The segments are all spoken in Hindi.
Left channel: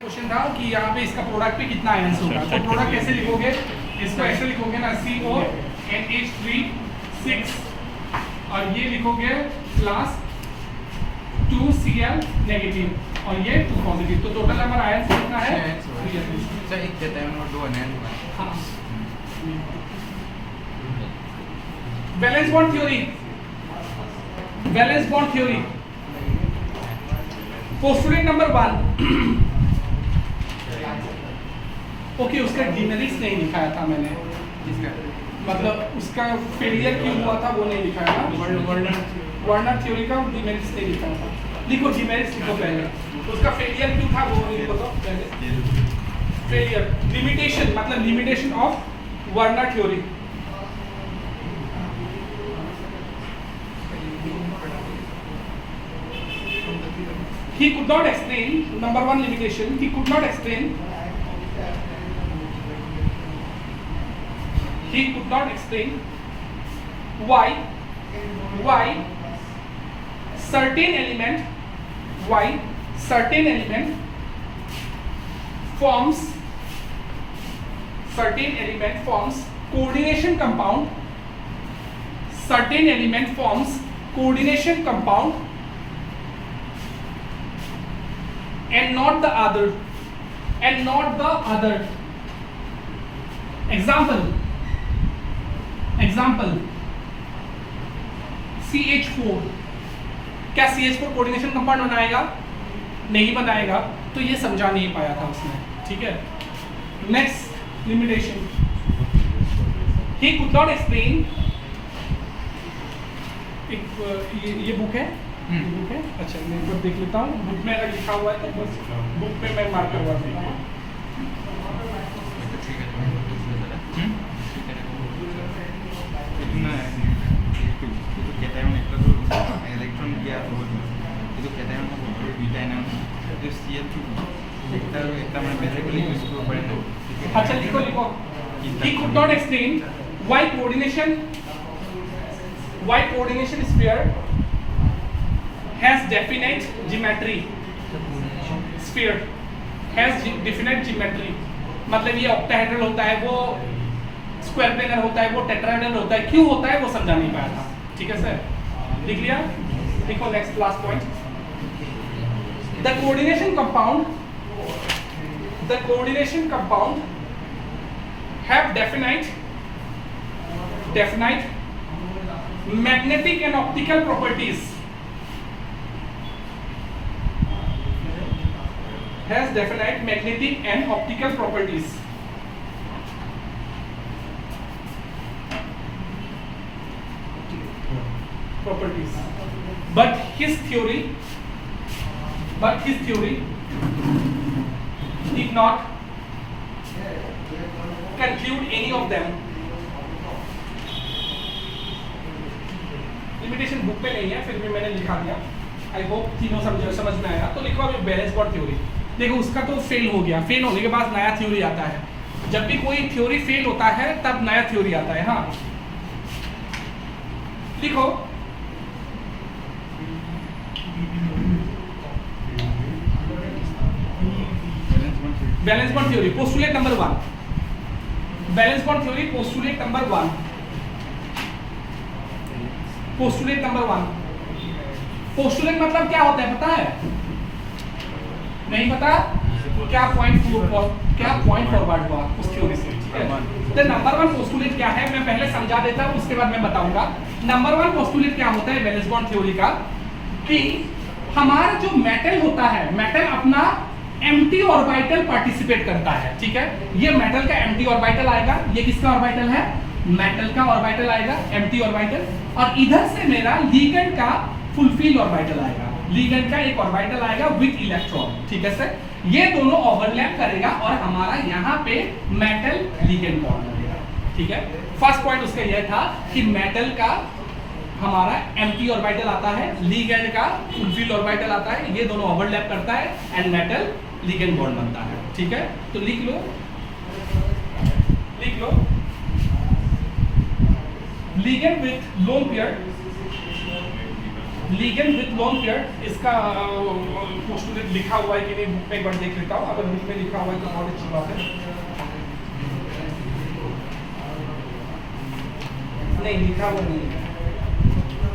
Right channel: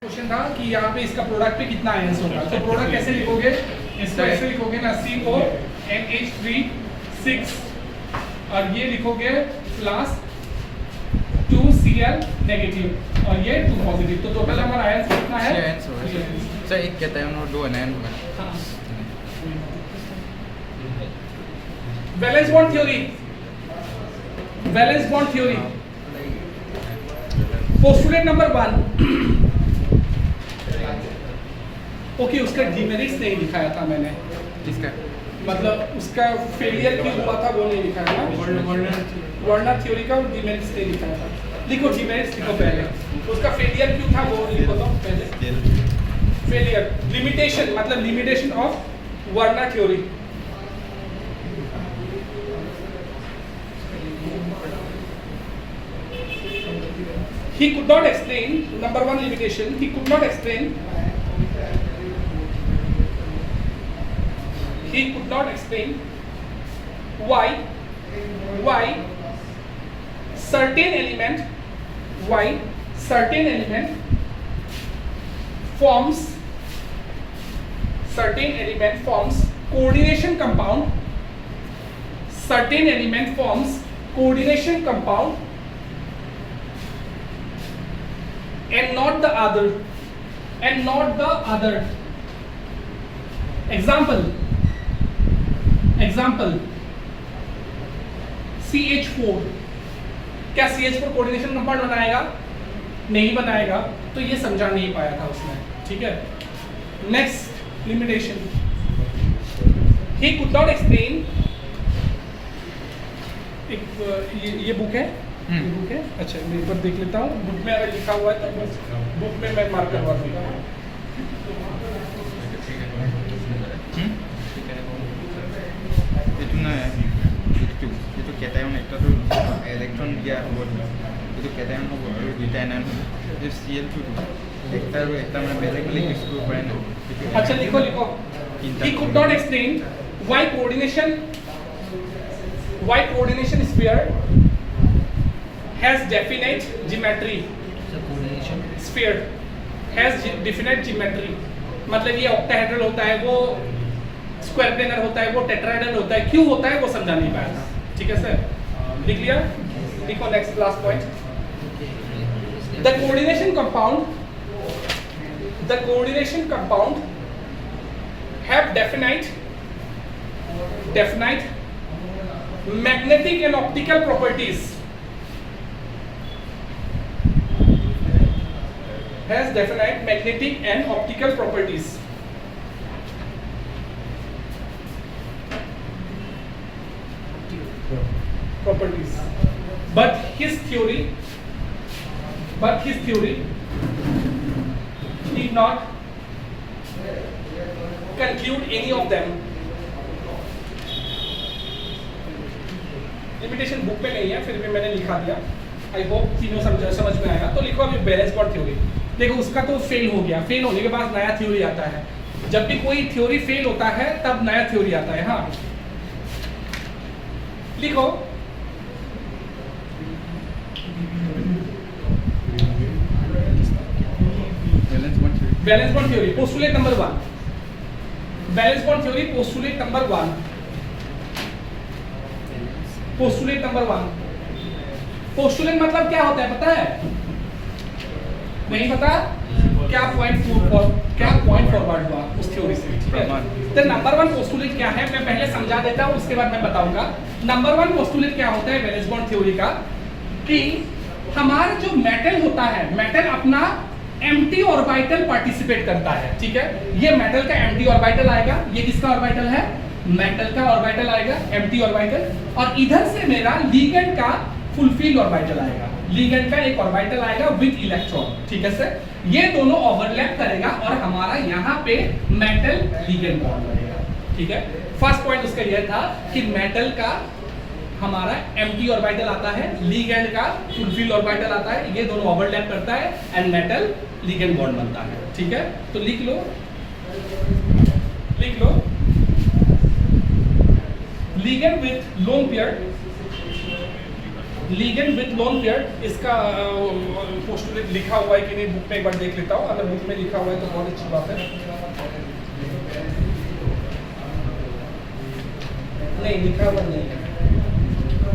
क्वेश्चन था कि यहाँ पे इसका प्रोडक्ट पे कितना आयंस होगा, तो प्रोडक्ट कैसे लिखोगे, इसको ऐसे लिखोगे ना CONH3 6 और ये लिखोगे प्लस 2Cl नेगेटिव और ये 2 पॉजिटिव, तो टोटल नंबर आयंस कितना है? सर एक कहता है वो दो है। हाँ, valence bond theory, valence bond theory postulate number 1। Okay, उसका डिमेरिट्स नहीं दिखाया था मैंने, किसका? मतलब उसका फेलियर क्यों हुआ था वो नहीं लिखा है ना, वर्नर थ्योरी का डिमेरिट्स नहीं लिखा था। लिखो डिमेरिट्स लिखो पहले, उसका फेलियर क्यों था वो लिखो तो पहले। फेलियर लिमिटेशन, मतलब limitation of Werner theory. He could not explain, number one limitation, he could not explain why certain element forms coordination compound and not the other. Example CH4, क्या CH4 कोऑर्डिनेशन कंपाउंड बनाएगा? नहीं बनाएगा, तो ये समझा नहीं पाया था उसने, ठीक है। Next limitation, he could not explain, ये बुक है, बुक है, अच्छा मैं एक बार देख लेता हूँ, बुक में अगर लिखा हुआ है तो बस बुक में मैं मार्क करवा देता हूँ। इलेक्ट्रॉन दिया और ये जो कहता है ना वो बीटा है जो Cl2 देखता है वो एकदम बेसिकली इसको पढ़ेंगे। अच्छा लिखो he could not explain why coordination sphere has definite geometry, मतलब ये ऑक्टाहेड्रल होता है, वो स्क्वायर प्लेनर होता है, वो टेट्राहेड्रल होता है, क्यों होता है वो समझा नहीं पाया था, ठीक है सर। लिख लिया, लिखो next last point, the coordination compound have definite magnetic and optical properties, but his theory did not conclude any of them. Limitation book में नहीं है, फिर भी मैंने लिखा दिया, आई होप तीनों समझ में आया। तो लिखो अभी बैलेंस बॉन्ड थ्योरी, देखो उसका तो फेल हो गया, फेल होने के बाद नया थ्योरी आता है। जब भी कोई थ्योरी फेल होता है तब नया थ्योरी आता है। हाँ लिखो valence bond theory postulate number 1, valence bond theory postulate number 1, postulate मतलब क्या होता है पता है? नहीं पता? क्या पॉइंट फॉरवर्ड हुआ उस थ्योरी से, ठीक है। तो नंबर 1 पोस्टुलेट क्या है मैं पहले समझा देता हूं, उसके बाद मैं बताऊंगा। नंबर 1 पोस्टुलेट क्या होता है वैलेंस बॉन्ड थ्योरी का, कि हमारा जो मेटल होता है, मेटल अपना एम्प्टी ऑर्बिटल पार्टिसिपेट करता है, ठीक है। ये मेटल का एम्प्टी ऑर्बिटल आएगा, ये किसका ऑर्बिटल है? मेटल का ऑर्बिटल आएगा, एम्प्टी ऑर्बिटल, और इधर से मेरा लिगेंड का फुलफिल ऑर्बिटल आएगा, लिगेंड का एक ऑर्बिटल आएगा विद इलेक्ट्रॉन, ठीक है सर। ये दोनों ओवरलैप करेगा और हमारा यहाँ पे मेटल लिगेंड बॉन्ड बनेगा, ठीक है। फर्स्ट पॉइंट उसका यह था कि मेटल का हमारा एम्प्टी ऑर्बिटल आता है, लिगेंड का फुलफिल ऑर्बिटल आता है, ये दोनों ओवरलैप करता है एंड मेटल लिगेंड बॉन्ड बनता है, ठीक है। तो लिख लो ligand with lone pair ligand with lone pair, इसका पोस्टुलेट लिखा हुआ है कि नहीं बुक में एक बार देख लेता हूँ, अगर बुक में लिखा हुआ है तो बहुत अच्छी बात है। नहीं लिखा हुआ नहीं है,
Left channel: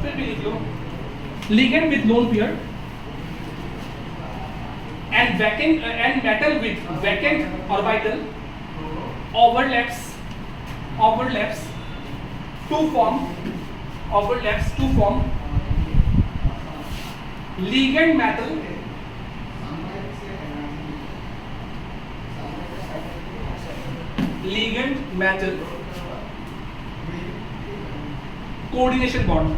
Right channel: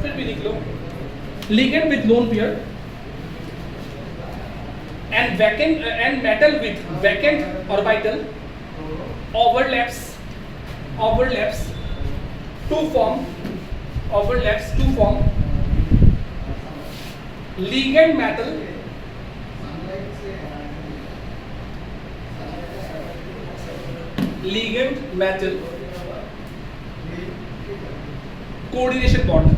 फिर भी लिख लो। Ligand with lone pair and vacant and metal with vacant orbital overlaps to form ligand metal coordination bond।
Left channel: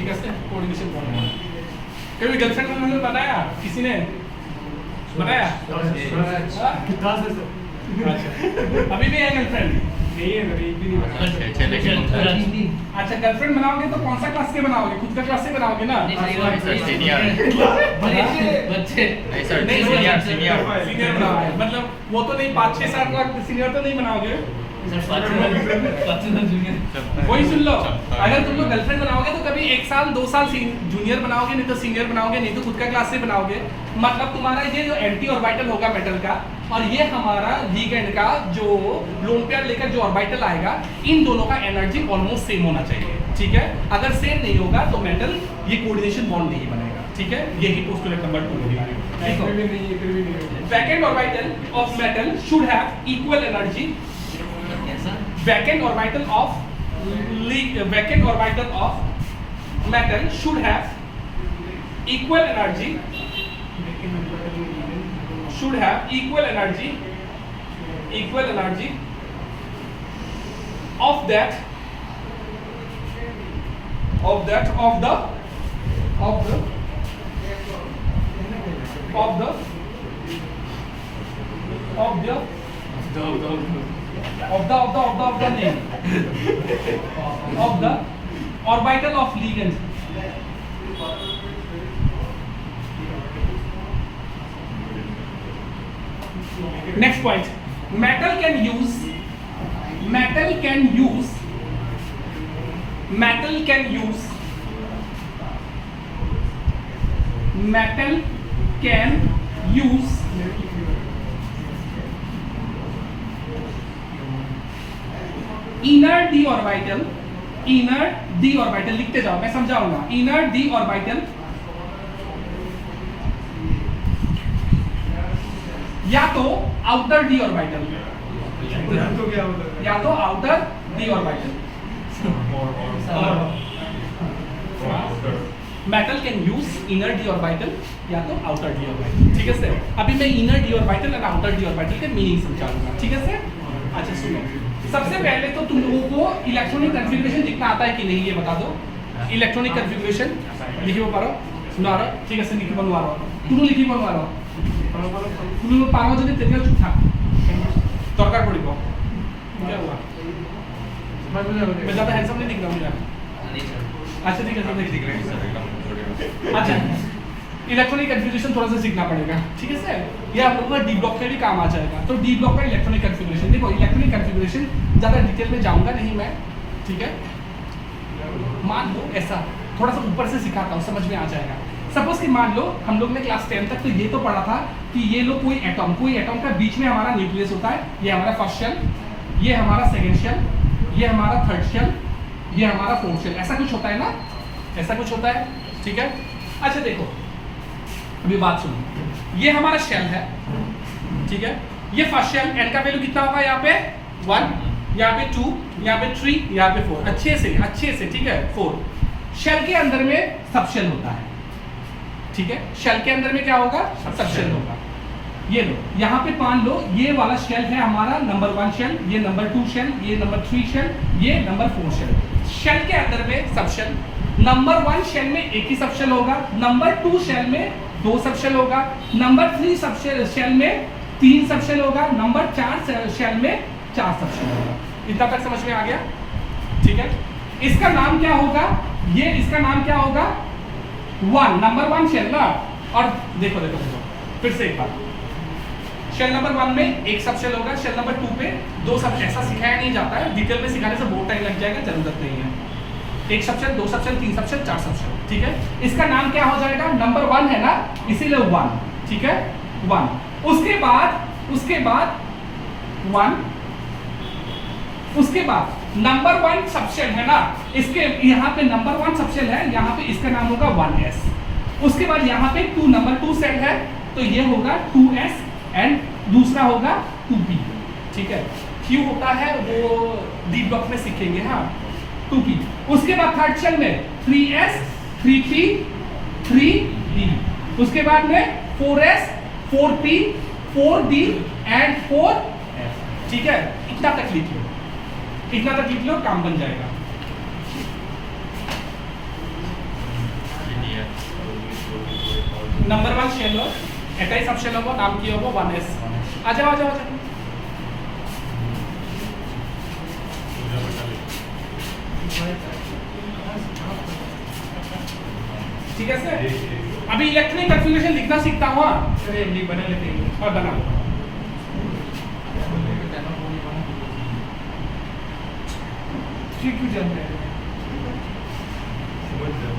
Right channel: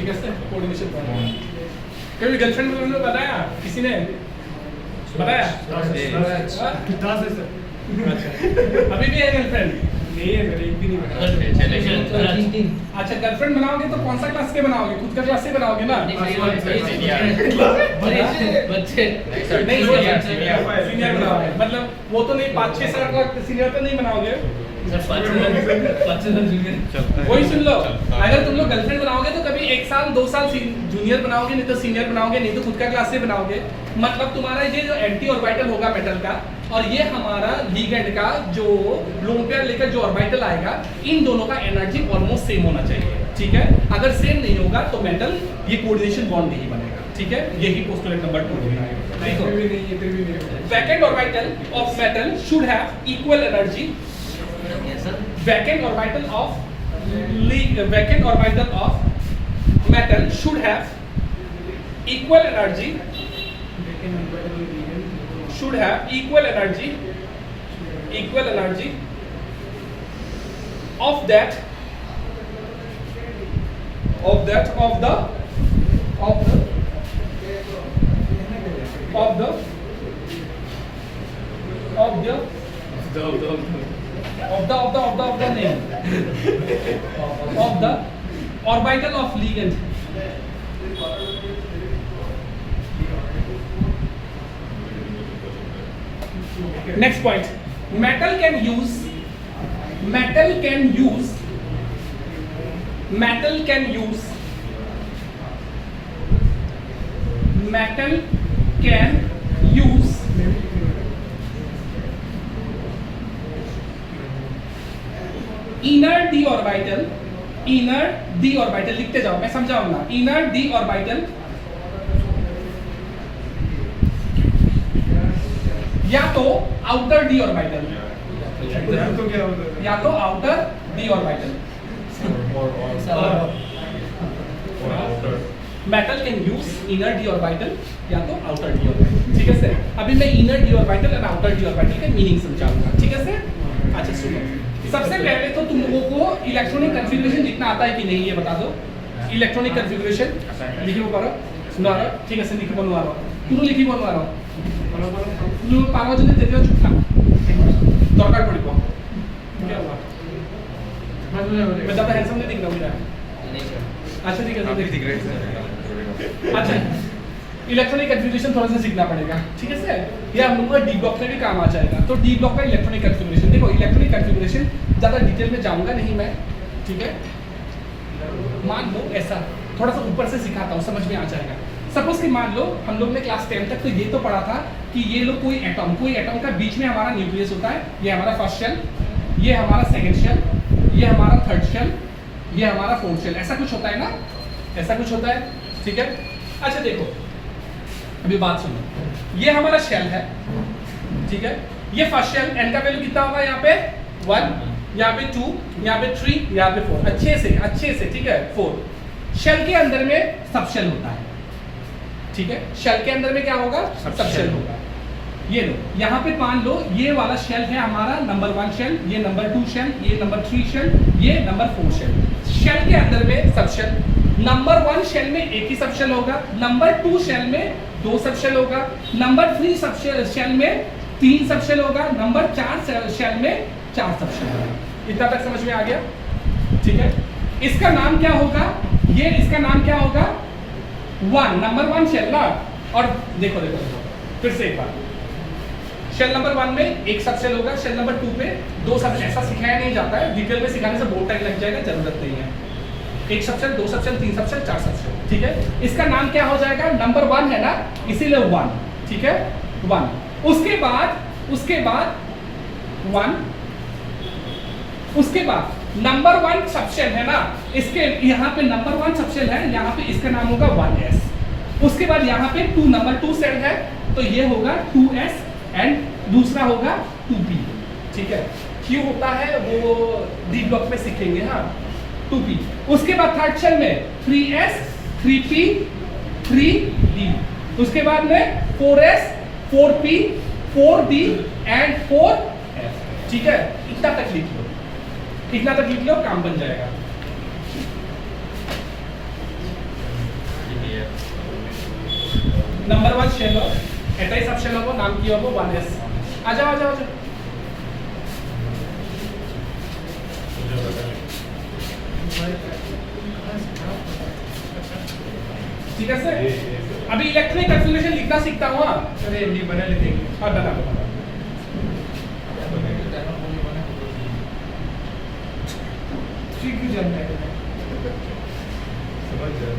ठीक है सर, कोऑर्डिनेशन बॉन्ड। कभी गर्लफ्रेंड को बताया किसी ने बताया? कितना से सर? अभी भी है गर्लफ्रेंड? नहीं है मेरी, एक भी नहीं बताया। अच्छा गर्लफ्रेंड बनाओगे तो कौन सा क्लास के बनाओगे? खुद का क्लास से बनाओगे ना? सीनियर बनाओगे, मतलब वो तो नहीं 5-6 साल का सीनियर तो नहीं बनाओगे? वही सुन लो, अगर तुम लोग गर्लफ्रेंड बनाओगे तो कभी 1 साल 2 साल जूनियर बनाओगे, नहीं तो सीनियर बनाओगे, नहीं तो खुद का क्लास से बनाओगे। मतलब तुम्हारा ये जो एंटी ऑर्बिटल होगा मेटल का, और ये हमारा लिगेंड का जो लोन पेयर लेकर जो ऑर्बिटल आएगा, इन दोनों का एनर्जी ऑलमोस्ट सेम होना चाहिए। ठीक है, अगर सेम नहीं होगा तो मेटल ये कोऑर्डिनेशन बॉन्ड नहीं बनेगा। ठीक है, यही पोस्टुलेट नंबर 2 है। Vacant orbital of metal should have equal energy. Vacant orbital of metal should have equal energy of the orbital of ligand। Next point, metal can use inner D orbital, लिखते जाओ मैं समझाऊंगा। इनर डी ऑर्बिटल या तो आउटर डी ऑर्बिटल, या तो outer D orbital. Metal can use inner D orbital या तो आउटर डी ऑर्बिटल। ठीक है सर, अभी मैं इनर डी ऑर्बिटल और आउटर डी ऑर्बिटल का मीनिंग समझाऊंगा। ठीक है सर, अच्छा सुनो, सबसे पहले तो तुम लोगों को इलेक्ट्रॉनिक कन्फिग्रेशन लिखना आता है कि नहीं ये बता दो। इलेक्ट्रॉनिक कन्फिग्रेशन लिखी पारो, सुना रहा? ठीक है सर, लिखी बनवा रहा हूँ, तुम लिखी बनवा रहा हूँ। तुम पारो যদি তেতিয়া চুপ থাক, দরকার পড়িব। क्या हुआ? मैं ज़्यादा हैंडसम नहीं दिख रहा हूँ क्या? नहीं सर। अच्छा ठीक है सर, दिख रहे हैं। अच्छा इलेक्ट्रॉनिक कन्फिग्रेशन थोड़ा सा सीखना पड़ेगा। ठीक है सर, ये हम लोगों का डी ब्लॉक में भी काम आ जाएगा। तो डी ब्लॉक का इलेक्ट्रॉनिक कन्फिग्रेशन, देखो इलेक्ट्रॉनिक कन्फिग्रेशन ज़्यादा डिटेल में जाऊंगा नहीं मैं। ठीक है, मान लो ऐसा थोड़ा सा ऊपर से सिखाता हूँ, समझ में आ जाएगा। सपोज कि मान लो हम लोग ने क्लास 10 तक तो ये तो पढ़ा था कि ये लोग कोई एटम का बीच में हमारा न्यूक्लियस होता है। ये हमारा फर्स्ट शेल, ये हमारा सेकेंड शेल, ये हमारा थर्ड शेल, ये हमारा फोर्थ शेल, ऐसा कुछ होता है ना, ऐसा कुछ होता है। ठीक है, अच्छा देखो अभी बात सुनो, ये हमारा शेल है। ठीक है, ये फर्स्ट शेल, एन का वैल्यू कितना होगा? यहाँ पे 1, यहाँ पे 2, यहाँ पे 3, यहाँ पे 4। अच्छे से ठीक है 4। शेल के अंदर में सब शेल होता है। ठीक है, शेल के अंदर में क्या होगा? सब शेल होगा। ये लो, यहाँ पे मान लो ये वाला शेल है हमारा नंबर 1 शेल, ये नंबर 2 शेल, ये नंबर 3 शेल, ये नंबर 4 शेल। शेल के अंदर में सब शेल, नंबर 1 शेल में एक ही सब शेल होगा, नंबर 2 शेल में 2 सब शेल होगा, नंबर 3 सब शेल में 3 सब शेल होगा, नंबर 4 शेल में 4 सब शेल होगा। इतना तक समझ में आ गया? ठीक है, इसका नाम क्या होगा? इसका नाम क्या होगा? 1 नंबर 1 शेल ना। और देखो फिर से एक बार, शेल नंबर 1 में एक सब शेल होगा, शेल नंबर 2 पे 2 सब। ऐसा सिखाया नहीं जाता है, डिटेल में सिखाने से बहुत टाइम लग जाएगा, जरूरत नहीं है। एक सब शेल, 2 सब शेल, 3 सब शेल, 4 सब शेल, ठीक है। इसका नाम क्या हो जाएगा? नंबर 1 है ना, इसीलिए 1, ठीक है, 1। उसके बाद 1, उसके बाद नंबर 1 सबशेल है ना, इसके यहाँ पे नंबर 1 सबशेल है, यहाँ पे इसका नाम होगा 1s। उसके बाद यहाँ पे 2 नंबर 2 सेल है, तो ये होगा 2s एंड दूसरा होगा 2p, ठीक है। क्यों होता है वो डी ब्लॉक में सीखेंगे, हाँ, 2p। उसके बाद थर्ड शेल में 3s, 3p, 3d। उसके बाद में 4s, 4p, 4d and 4f, ठीक है। इतना तक लिख लो, इतना तक लिख लो, काम बन जाएगा। नंबर 1 शेल हो, एटॉमिक सब शेल हो, नाम किया हो 1s। आ जाओ आ जाओ आ जाओ। ठीक है सर, अभी इलेक्ट्रॉनिक कन्फिग्रेशन लिखना सीखता हूँ। चलिए नहीं बना लिखेंगे, हाँ बना लो। क्यों जानता है? समझ जाओ।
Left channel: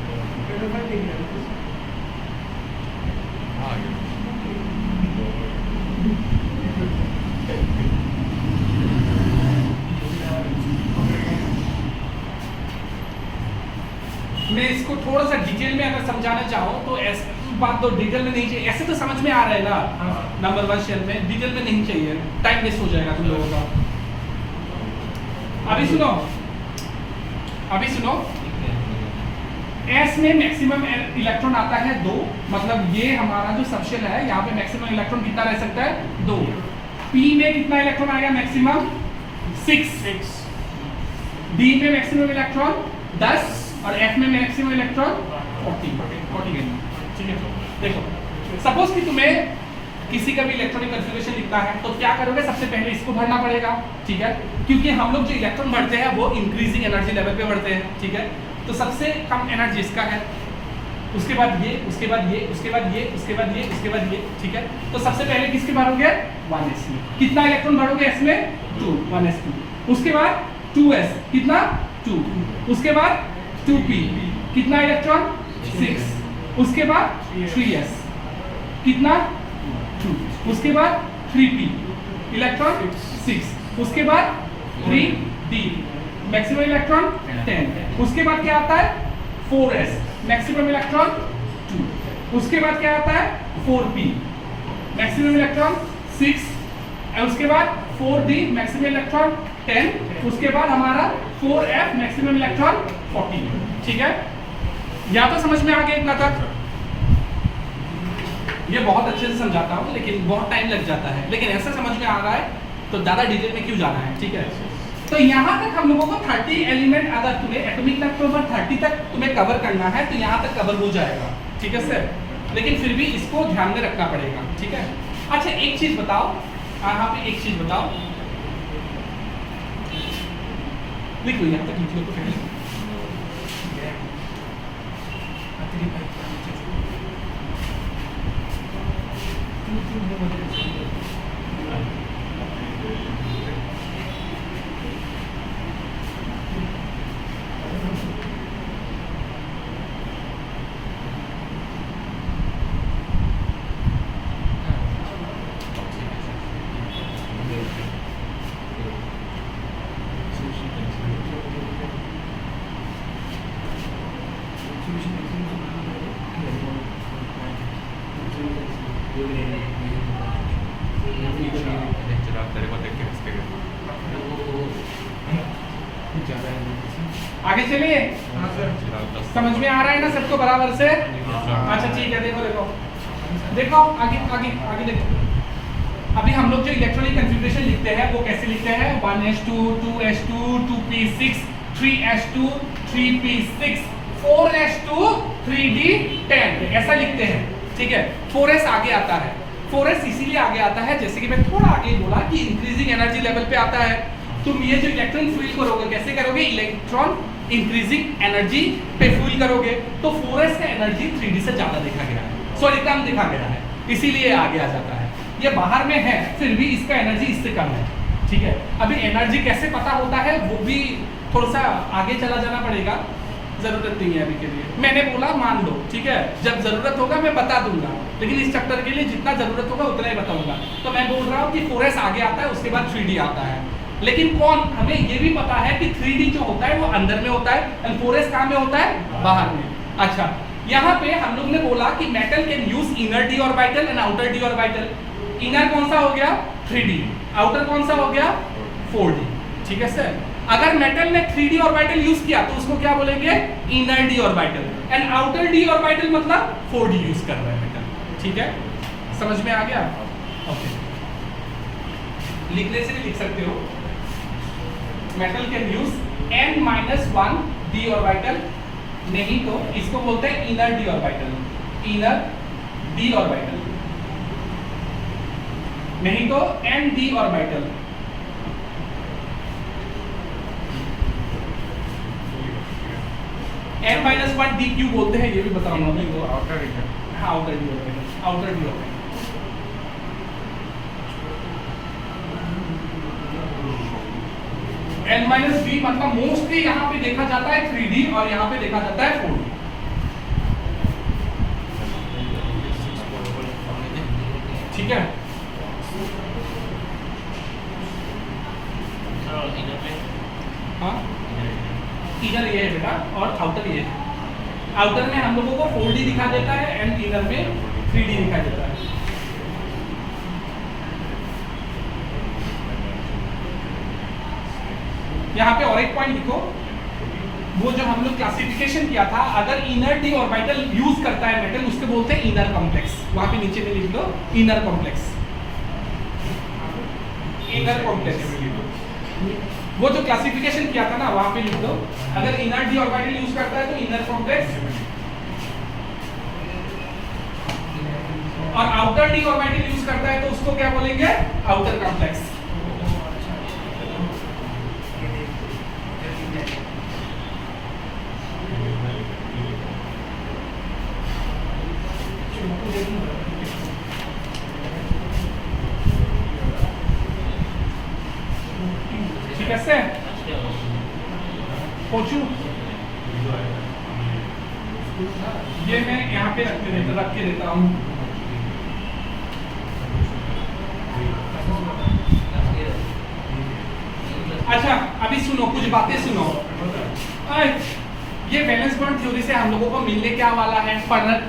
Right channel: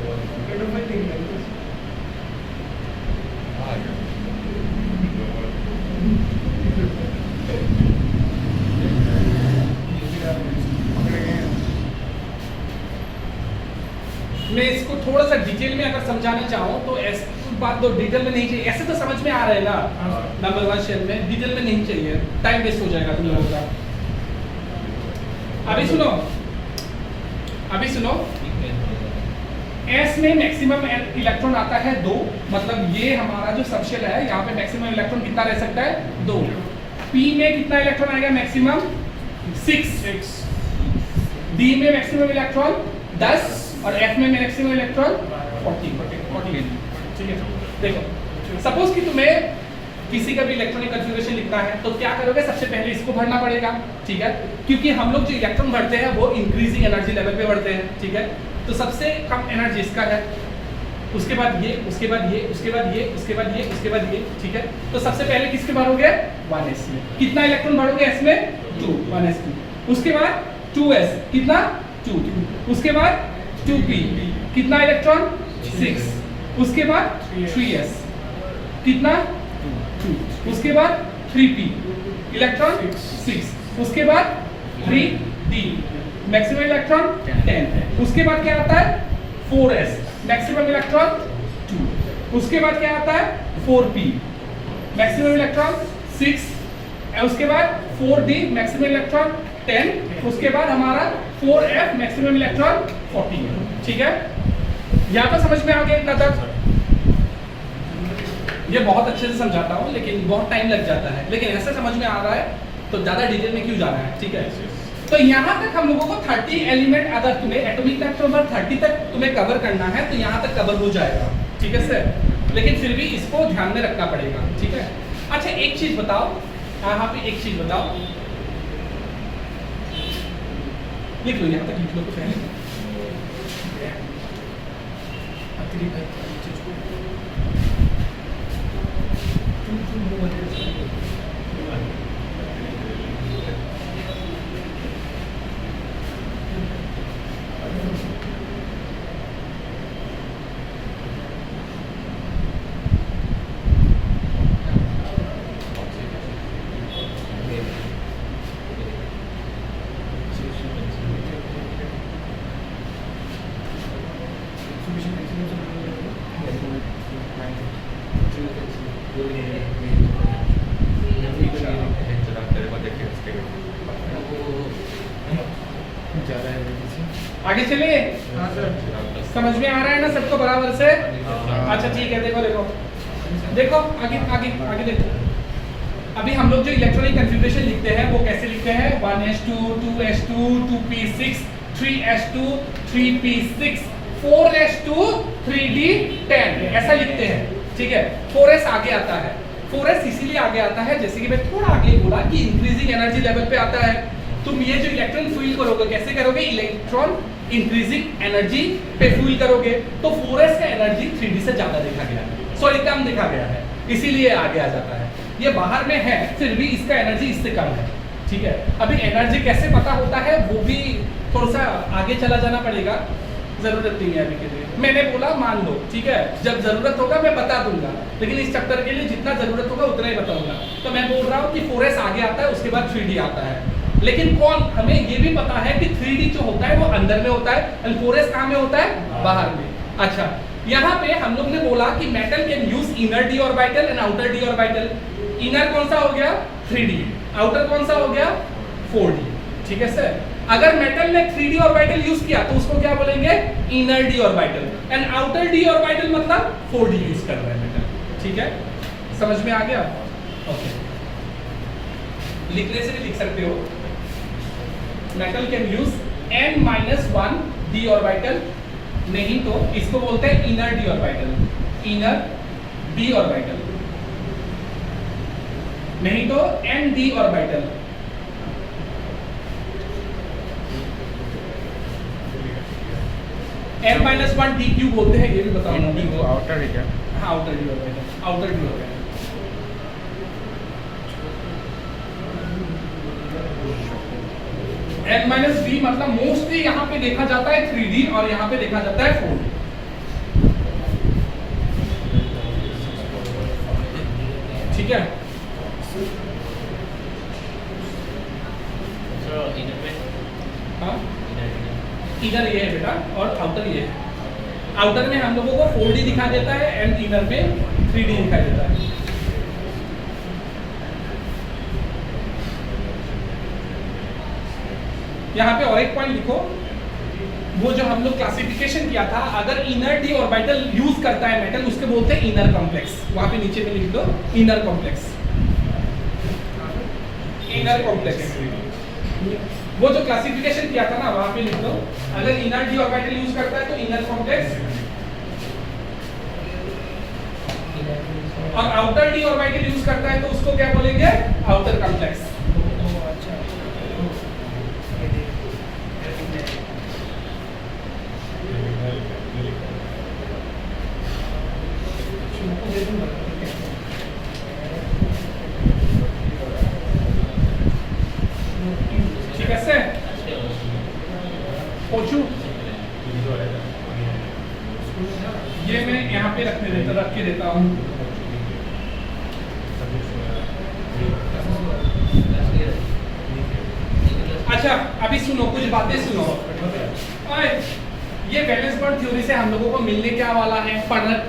मैं इसको थोड़ा सा डिटेल में अगर समझाना चाहूँ तो ऐसी बात तो डिटेल में नहीं चाहिए, ऐसे तो समझ में आ रहा है ना। नंबर 1 शेल में डिटेल में नहीं चाहिए, टाइम वेस्ट हो जाएगा तुम लोगों का। अभी सुनो, S में मैक्सिमम इलेक्ट्रॉन आता है 2, मतलब ये हमारा जो सबशेल है, यहाँ पे मैक्सिमम इलेक्ट्रॉन कितना रह सकता है? 2। P में कितना इलेक्ट्रॉन आ गया मैक्सिमम? 6। D में मैक्सिमम इलेक्ट्रॉन 10 और F में मैक्सिमम इलेक्ट्रॉन 40, ठीक है। देखो, सपोज कि तुम्हें किसी का भी इलेक्ट्रॉनिक कन्फिग्रेशन लिखना है तो क्या करोगे? सबसे पहले इसको भरना पड़ेगा, ठीक है, क्योंकि हम लोग जो इलेक्ट्रॉन भरते हैं वो इंक्रीजिंग एनर्जी लेवल पे भरते हैं, ठीक है। तो सबसे कम एनर्जी इसका है, उसके बाद ये, उसके बाद ये, उसके बाद ये, उसके बाद ये, उसके बाद ये, ठीक है। तो सबसे पहले किसके भरोगे? 1s में। कितना इलेक्ट्रॉन भरोगे s में? 2, 1s2। उसके बाद 2s, कितना? 2। उसके बाद 2p, कितना इलेक्ट्रॉन? 6। उसके बाद 3s, कितना? 2। उसके बाद 3p, इलेक्ट्रॉन 6। उसके बाद 3d, मैक्सिमम इलेक्ट्रॉन 10। उसके बाद क्या आता है? 4s, maximum electron 2। उसके बाद क्या आता है? 4p, maximum electron 6। उसके बाद 4d, मैक्सिमम इलेक्ट्रॉन 10। उसके बाद हमारा 4f, मैक्सिमम इलेक्ट्रॉन 40, ठीक है। यहाँ तो समझ में आ गया इतना तक? ये बहुत अच्छे से समझाता हूँ लेकिन बहुत टाइम लग जाता है, लेकिन ऐसा समझ में आ रहा है तो ज़्यादा डिटेल में क्यों जाना है, ठीक है। तो यहाँ तक हम लोगों को 30 एलिमेंट, अगर तुम्हें एटॉमिक नंबर 30 तक तुम्हें कवर करना है तो यहाँ तक कवर हो जाएगा, ठीक है सर। लेकिन फिर भी इसको ध्यान में रखना पड़ेगा, ठीक है। अच्छा एक चीज़ बताओ, यहाँ पे एक चीज़ बताओ, लिख लो, यहाँ तक लिख लो तो क्या है? आगे चलिए, समझ में आ रहा है ना सबको बराबर से? अच्छा ठीक है, देखो देखो देखो, आगे आगे आगे देखो। अभी हम लोग जो इलेक्ट्रॉनिक कन्फिग्रेशन लिखते हैं वो कैसे लिखते हैं? 1s2, 2s2, 2p6, 3s2, 3p6, 4s2, 3d10, ऐसा लिखते हैं, ठीक है। 4s आगे आता है, 4s इसीलिए आगे आता है, जैसे कि मैं थोड़ा आगे बोला कि इंक्रीजिंग एनर्जी लेवल पे आता है। तुम ये जो इलेक्ट्रॉन फील करोगे, कैसे करोगे? इलेक्ट्रॉन इंक्रीजिंग एनर्जी पे फील करोगे, तो 4s का एनर्जी 3d से ज्यादा देखा गया है, सॉरी कम देखा गया है, इसीलिए आगे आ जाता है। ये बाहर में है, फिर भी इसका एनर्जी इससे कम है, ठीक है। अभी एनर्जी कैसे पता होता है वो भी थोड़ा सा आगे चला जाना पड़ेगा, जरूरत नहीं है अभी के लिए। मैंने बोला मान लो, ठीक है, जब जरूरत होगा मैं बता दूंगा, लेकिन इस चैप्टर के लिए जितना जरूरत होगा उतना ही बताऊंगा। तो मैं बोल रहा हूँ कि 4S आगे आता है, उसके बाद 3D आता है। लेकिन कौन, हमें ये भी पता है कि 3D जो होता है वो अंदर में होता है एंड 4S कहाँ में होता है, बाहर में। अच्छा, यहाँ पे हम लोग ने बोला कि metal can use inner D orbital and outer D orbital. Inner कौन सा हो गया 3D, आउटर कौन सा हो गया 4D, ठीक है सर। अगर मेटल ने 3D ऑर्बिटल यूज किया तो उसको क्या बोलेंगे, inner D orbital, and outer D orbital मतलब 4D यूज कर रहा है मेटल, ठीक है। समझ में आ गया? ओके, लिखने से भी लिख सकते हो, metal can use n-1 d orbital, नहीं तो इसको बोलते हैं inner D orbital, inner d orbital, नहीं तो n-d ऑर्बिटल। n-1 d क्यों बोलते हैं ये भी बताऊंगा मैं। आउटर है क्या? हाँ, outer D orbital, outer D orbital. n-d मतलब मोस्टली यहाँ पे देखा जाता है 3D और यहाँ पे देखा जाता है 4D, ठीक है। हाँ, इनर ये है बेटा और आउटर ये है। आउटर में हम लोगों को 4D दिखा देता है एंड इनर में 3D दिखाई देता है। यहाँ पे और एक पॉइंट लिखो, वो जो हम लोग क्लासिफिकेशन किया था, अगर इनर डी ऑर्बिटल यूज करता है मेटल, उसके बोलते हैं इनर कॉम्प्लेक्स। वहां पे नीचे में लिख दो इनर कॉम्प्लेक्स, इनर कॉम्प्लेक्स। वो जो क्लासिफिकेशन किया था ना, वहां पे लिख दो, अगर इनर डी ऑर्बिटल यूज करता है तो इनर कॉम्प्लेक्स, और आउटर डी ऑर्बिटल यूज करता है तो उसको क्या बोलेंगे, आउटर कॉम्प्लेक्स। ठीक है से पोचू, ये मैं यहाँ पे रख के देता हूँ। अच्छा, अभी सुनो, कुछ बातें सुनो। ये वैलेंस बॉन्ड थ्योरी से हम लोगों को मिलने क्या वाला है,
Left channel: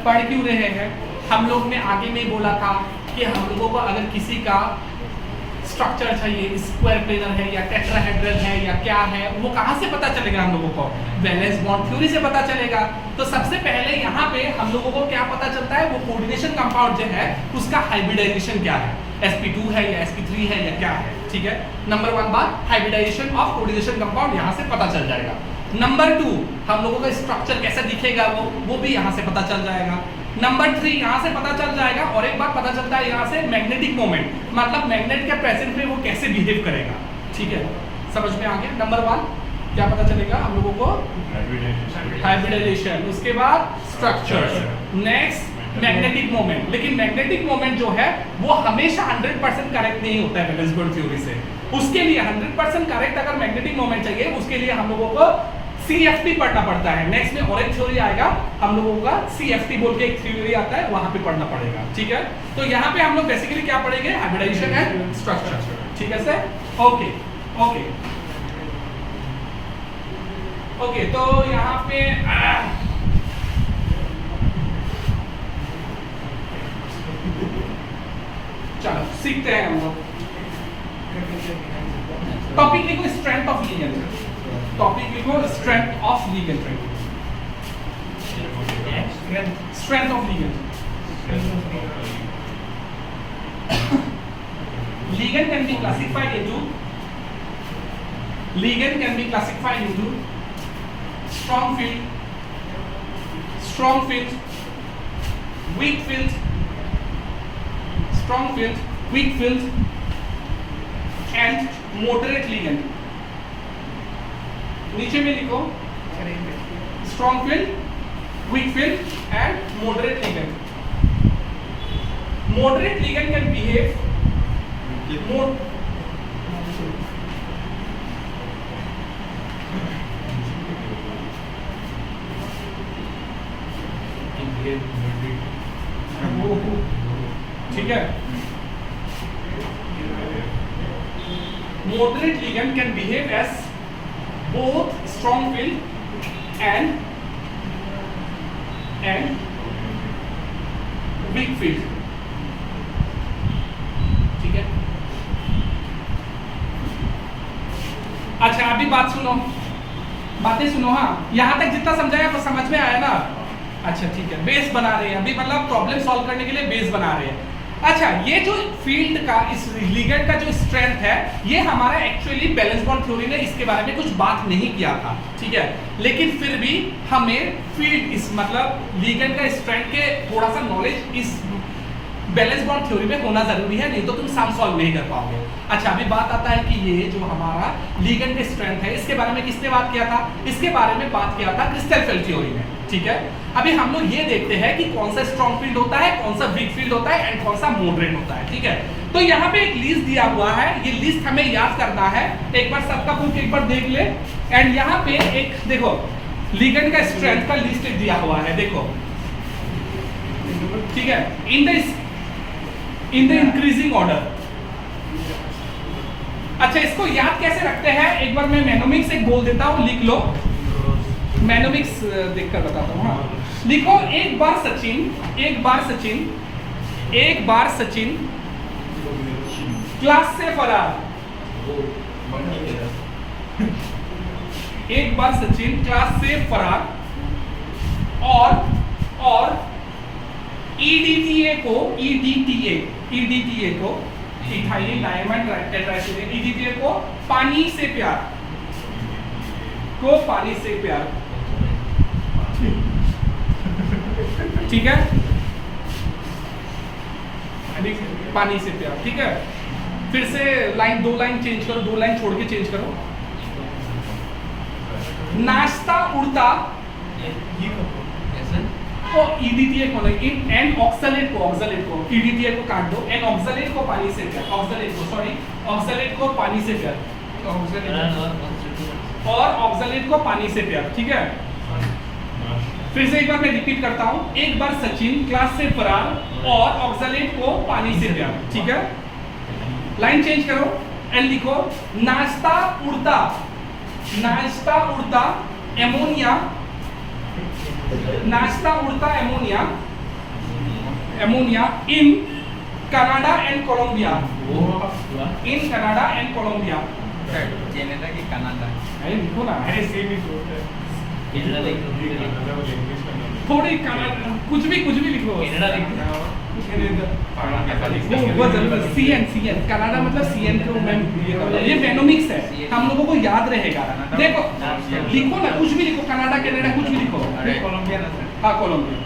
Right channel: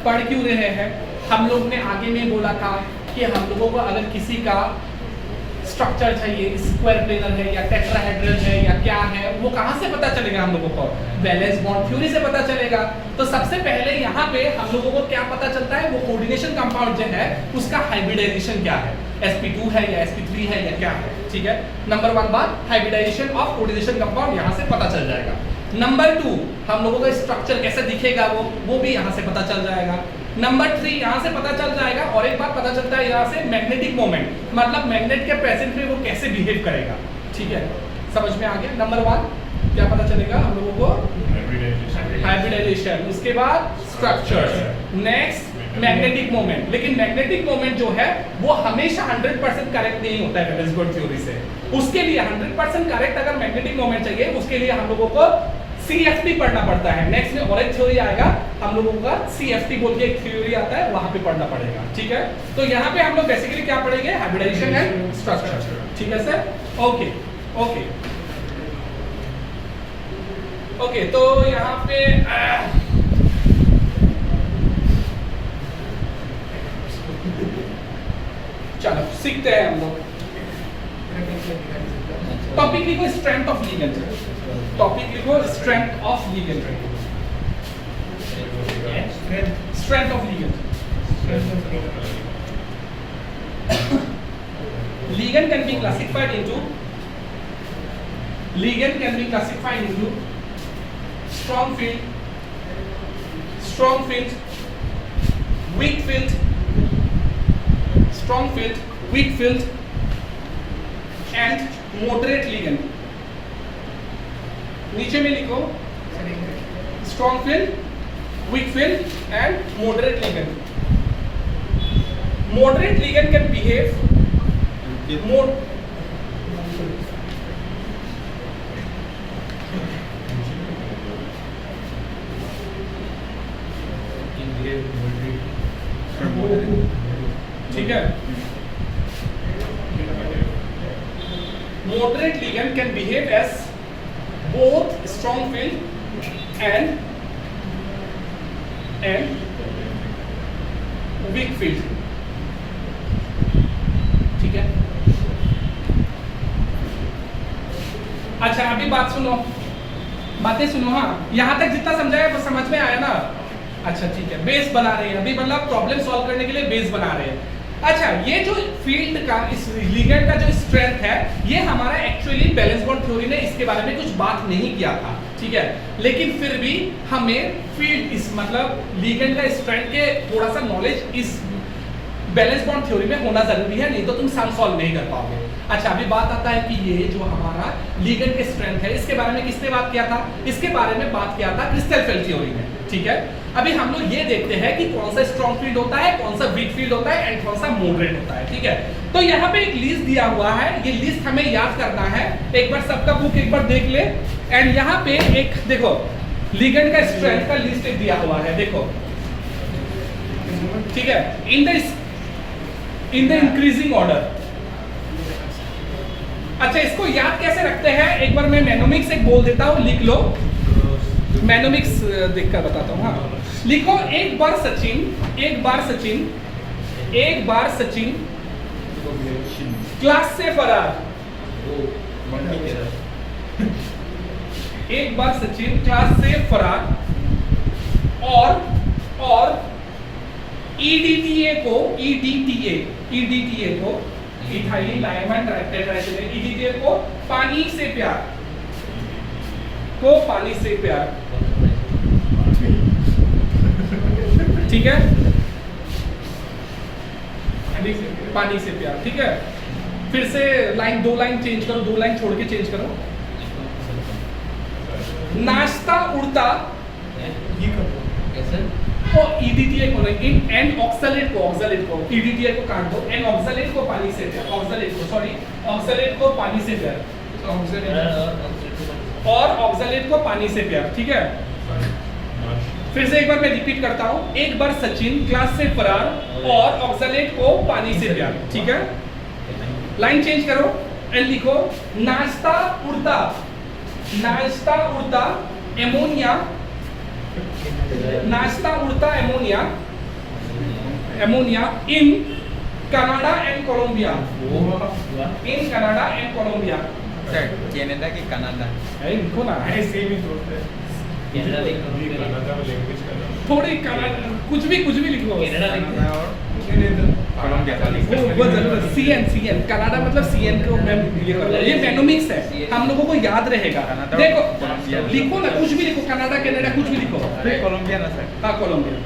पढ़ क्यों रहे हैं। हम लोग ने आगे में बोला था कि हम लोगों को अगर किसी का स्ट्रक्चर चाहिए, स्क्वायर प्लेनर है या टेट्राहेड्रल है या क्या है, वो कहाँ से पता चलेगा हम लोगों को, वैलेंस बॉन्ड थ्योरी से पता चलेगा। तो सबसे पहले यहाँ पे हम लोगों को क्या पता चलता है, वो कोऑर्डिनेशन कंपाउंड जो है उसका हाइब्रिडाइजेशन क्या है, sp2 है या sp3 है या क्या है, ठीक है। नंबर 1 बात, हाइब्रिडाइजेशन ऑफ कोऑर्डिनेशन कंपाउंड यहाँ से पता चल जाएगा। नंबर 2, हम लोगों का स्ट्रक्चर कैसे दिखेगा वो भी यहाँ से पता चल जाएगा। नंबर 3, यहाँ से पता चल जाएगा, और एक बात पता चलता है यहाँ से, मैग्नेटिक मोमेंट, मतलब मैग्नेट के प्रेजेंट में वो कैसे बिहेव करेगा, ठीक है। समझ में आ गया। नंबर 1 क्या पता चलेगा हम लोगों को, हाइब्रिडाइजेशन, उसके बाद स्ट्रक्चर्स, नेक्स्ट मैग्नेटिक मोमेंट। लेकिन मैग्नेटिक मोमेंट जो है वो हमेशा 100% करेक्ट नहीं होता है वैलेंस बॉन्ड थ्योरी से। उसके लिए 100% करेक्ट अगर मैग्नेटिक मोमेंट चाहिए, उसके लिए हम लोगों को CFT पढ़ना पड़ता है। नेक्स्ट में और एक थ्योरी आएगा हम लोगों का, CFT बोल के एक थ्योरी आता है, वहां पे पढ़ना पड़ेगा, ठीक है। तो यहाँ पे हम लोग बेसिकली क्या पढ़ेंगे, हाइब्रिडाइजेशन एंड स्ट्रक्चर, ठीक है सर। ओके ओके ओके, तो यहाँ पे चलो सीखते हैं हम लोग। टॉपिक लिखो स्ट्रेंथ ऑफ लिगेंड, टॉपिक लिखो strength of ligand, strength of ligand. Ligand can be classified into strong field, weak field, and moderate ligand। नीचे में लिखो strong field, weak field and moderate ligand. Moderate ligand can behave more. ठीक है, moderate ligand can behave as both strong field and weak field. ठीक है, अच्छा अभी बात सुनो, बातें सुनो। हाँ, यहां तक जितना समझाया वो समझ में आया ना? अच्छा ठीक है, बेस बना रहे हैं अभी, मतलब प्रॉब्लम सॉल्व करने के लिए बेस बना रहे हैं। अच्छा, ये जो फील्ड का, इस लिगेंड का जो स्ट्रेंथ है, ये हमारा एक्चुअली बैलेंस बॉन्ड थ्योरी ने इसके बारे में कुछ बात नहीं किया था, ठीक है, लेकिन फिर भी हमें फील्ड, इस मतलब लिगेंड का स्ट्रेंथ के थोड़ा सा नॉलेज इस बैलेंस बॉन्ड थ्योरी में होना जरूरी है, नहीं तो तुम सम सॉल्व नहीं कर पाओगे। अच्छा, अभी बात आता है कि ये जो हमारा लिगेंड का स्ट्रेंथ है, इसके बारे में किसने बात किया था? इसके बारे में बात किया था क्रिस्टल थ्योरी में, ठीक है। अभी हम लोग ये देखते हैं कि कौन सा स्ट्रॉन्ग फील्ड होता है, कौन सा वीक फील्ड होता है एंड कौन सा मॉडरेट होता है, ठीक है। तो यहाँ पे एक लिस्ट दिया हुआ है, ये लिस्ट हमें याद करना है। एक बार सबका बुक एक बार देख ले, एंड यहाँ पे एक देखो लिगेंड का स्ट्रेंथ का लिस्ट दिया हुआ है, देखो, ठीक है, इन द इंक्रीजिंग ऑर्डर। अच्छा, इसको याद कैसे रखते हैं? एक बार मैं मैनोमिक्स एक बोल देता हूँ, लिख लो। मैनोमिक्स देखकर बताता हूँ। हाँ, लिखो, एक बार सचिन, एक बार सचिन, एक बार सचिन क्लास से फरार। एक बार सचिन क्लास से फरार और ईडीटीए को इथाइल डायमंड टेट्रासाइक्लिन, ईडीटीए को पानी से प्यार, ठीक है, पानी से प्यार, ठीक है। फिर से लाइन, दो लाइन चेंज करो, दो लाइन छोड़ के चेंज करो। नाश्ता उड़ता को ईडीटीए को नहीं, एंड ऑक्सलेट को ईडीटीए को काट दो, एंड ऑक्सलेट को पानी से प्यार, ऑक्सलेट को पानी से प्यार, और ऑक्सलेट को पानी से प्यार, ठीक है। फिर से एक बार मैं रिपीट करता हूं, एक बार सचिन क्लास से फरार और ऑक्सलेट को पानी से प्यार, ठीक है। लाइन चेंज करो एंड लिखो, नाश्ता उड़ता एमोनिया, नाश्ता उड़ता ammonia in Canada and Colombia, Canada की कनाडा है, लिखो ना, है थोड़ी कुछ भी लिखो, वो जरूर सीएन कनाडा मतलब सीएन को मैं ये मैनोमिक्स है, हम लोगों को याद रहेगा। देखो लिखो ना, कुछ भी लिखो, कनाडा कनाडा कुछ भी लिखो, कोलंबिया ना सर, हाँ कोलंबिया,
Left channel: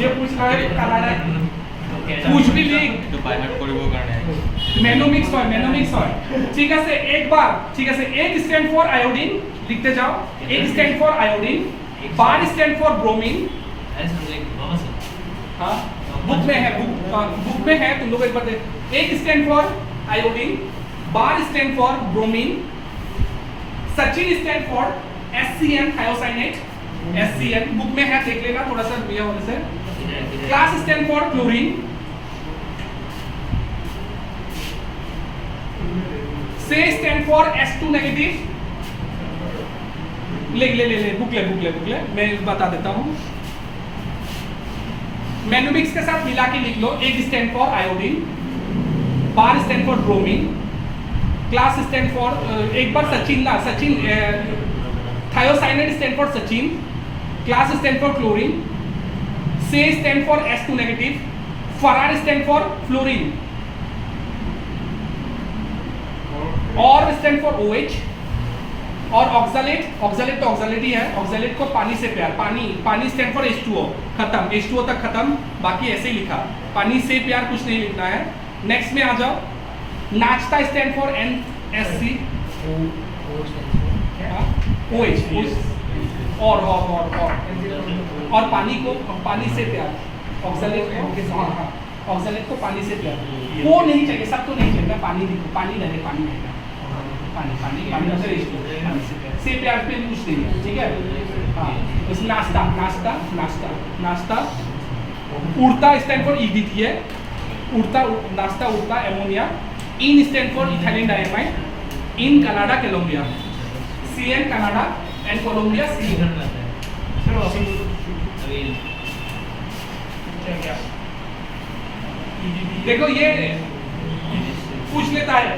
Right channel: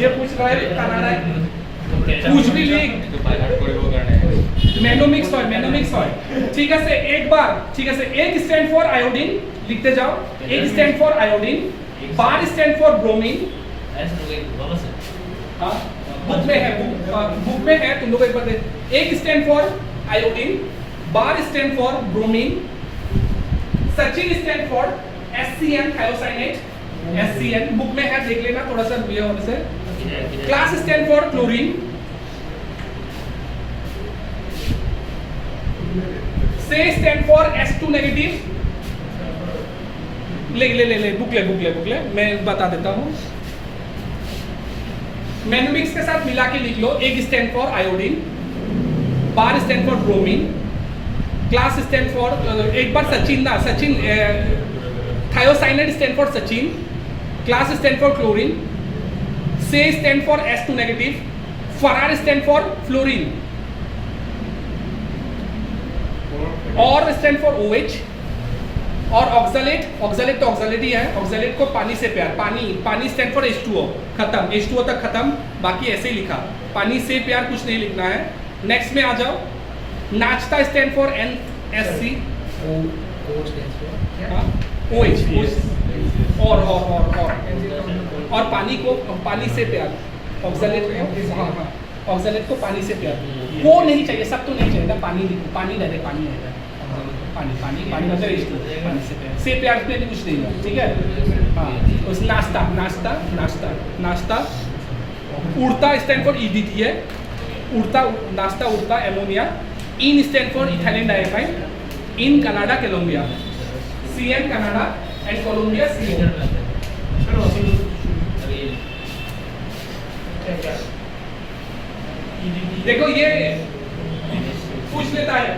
ये पूछ रहा है कनाडा, कुछ भी लिख, मैनोमिक्स है, ठीक है से एक बार, ठीक है से एक स्टैंड फॉर आयोडीन लिखते जाओ, एक स्टैंड फॉर आयोडीन, बार स्टैंड फॉर ब्रोमीन, हाँ बुक में है तुम लोग एक बार देख, एक स्टैंड फॉर आयोडीन, बार stand for bromine, Sachin stand for SCN thiocyanate, SCN book में है, देख लेना थोड़ा सा दिया होने से, क्लास स्टैंड फॉर क्लोरीन, से स्टैंड फॉर S2 नेगेटिव, ले बुक ले मैं बता देता हूँ, मैनोमिक्स के साथ मिला के लिख लो, एक स्टैंड फॉर आयोडीन, बार स्टैंड फॉर ब्रोमीन, क्लास स्टैंड फॉर एक बार सचिन थायोसाइनेट स्टैंड फॉर सचिन, क्लास स्टैंड फॉर क्लोरीन, से स्टैंड फॉर S2 नेगेटिव, फरार स्टैंड फॉर फ्लोरीन, और स्टैंड फॉर OH, और ऑक्सलेट तो ऑक्सलेट ही है, ऑक्सलेट को पानी से प्यार, पानी स्टैंड फॉर H2O, खत्म, H2O तक खत्म, बाकी ऐसे ही लिखा, पानी से प्यार कुछ नहीं लिखना है। नेक्स्ट में आ जाओ, नाश्ता स्टैंड फॉर NSC, OH, और पानी को पानी से प्यार, ऑक्सलेट, हाँ ऑक्सलेट को पानी से पेयर, वो नहीं चाहिए, सब तो नहीं चाहिए ना, पानी लिखो, पानी ले ले, पानी आएगा, पानी पानी पानी मतलब पानी से पेयर पे कुछ नहीं है, ठीक है। हाँ उस नाश्ता नाश्ता नाश्ता नाश्ता, उड़ता स्टैंड फॉर ईडी है, उड़ता नाश्ता उड़ता एमोनिया, इन स्टैंड फॉर इथाइलिन डाइमाइड, इन Canada Colombia, CN Canada and Colombia CO। देखो ये पूछ लेता है,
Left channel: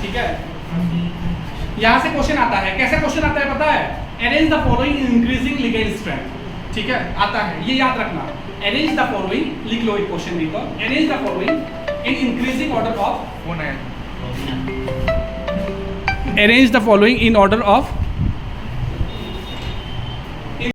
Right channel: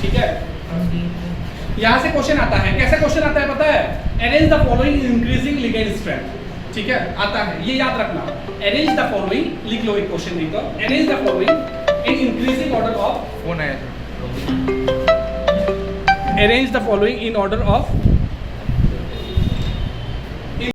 ठीक है। यहाँ से क्वेश्चन आता है, कैसे क्वेश्चन आता है पता है, arrange the following increasing ligand strength, ठीक है आता है, ये याद रखना, अरेंज द फॉलोइंग, लिख लो एक क्वेश्चन लिख दो, arrange the following in increasing order of, फोन है, arrange the following in order of